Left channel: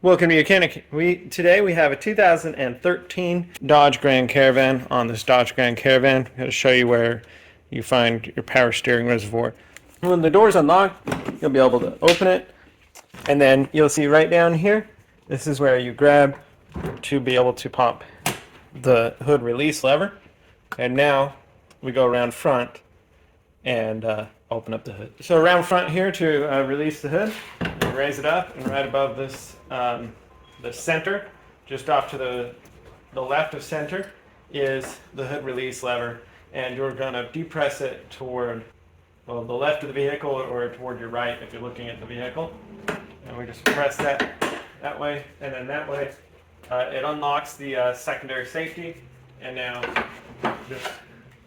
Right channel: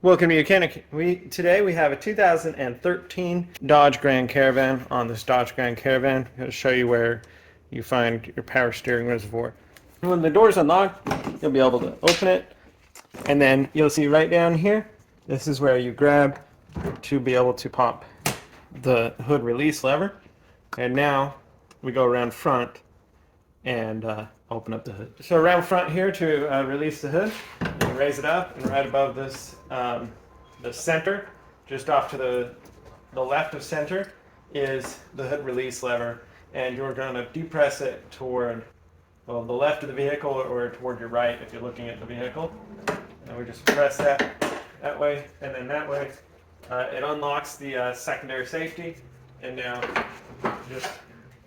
Welcome to YOUCANIC. Today we have a 2013 Dodge Grand Caravan. On this Dodge Grand Caravan, I'm going to show you where you find your power steering reservoir. When the door's unlocked, you'll be able to open it, and then you'll see right down here, this is where you grab to be able to pump the hood release lever. And now we go around front and open up the hood. So around front here to release the hood, you raise it up, and right above this, the center, just off to the left of center, is the hood release lever, and you're going to depress it toward the left of the vehicle or toward your right if you're looking at the vehicle. And we just press that way and then that way. It unlocks the secondary safety, and now just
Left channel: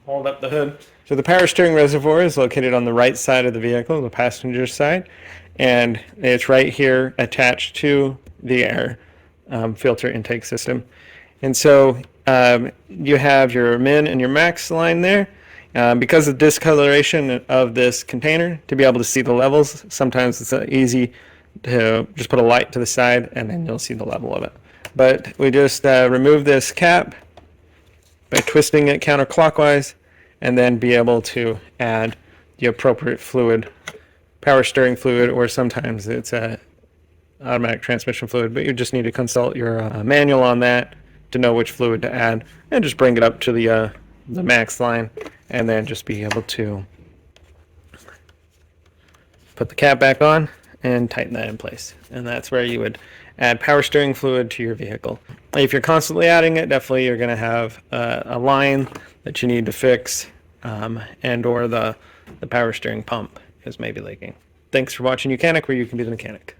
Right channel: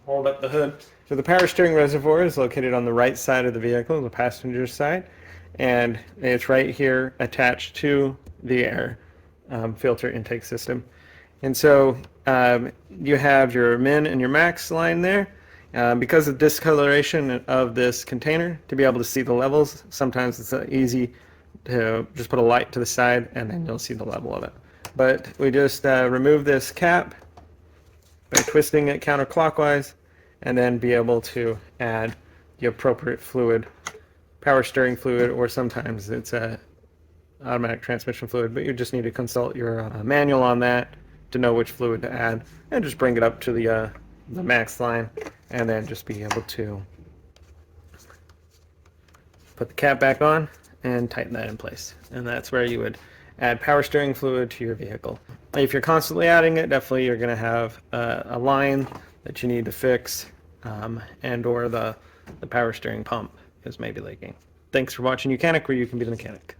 hold up the hood. So the power steering reservoir is located on the right side of the vehicle, the passenger side, and it's right here attached to the air filter intake system. And so you have your min and your max line there. Because of the discoloration of this container, to be able to see the levels, sometimes it's easy to just put a light to the side and then you'll see the level of it. But we just remove this cap by twisting it counterclockwise, and then be able to add the appropriate fluid, power steering fluid, or sometimes it's a automatic transmission fluid, but you just need to consult your manual on that to know which fluid to add, and just bring it up to the max line, and then just be able to put the cap back on and tighten that in place. And that's where you would add power steering fluid to your vehicle. If you're constantly adding it, definitely you're going to have a line that you need to fix, and or the power steering pump is maybe leaking. Thanks for watching YOUCANIC, where you can be the mechanic.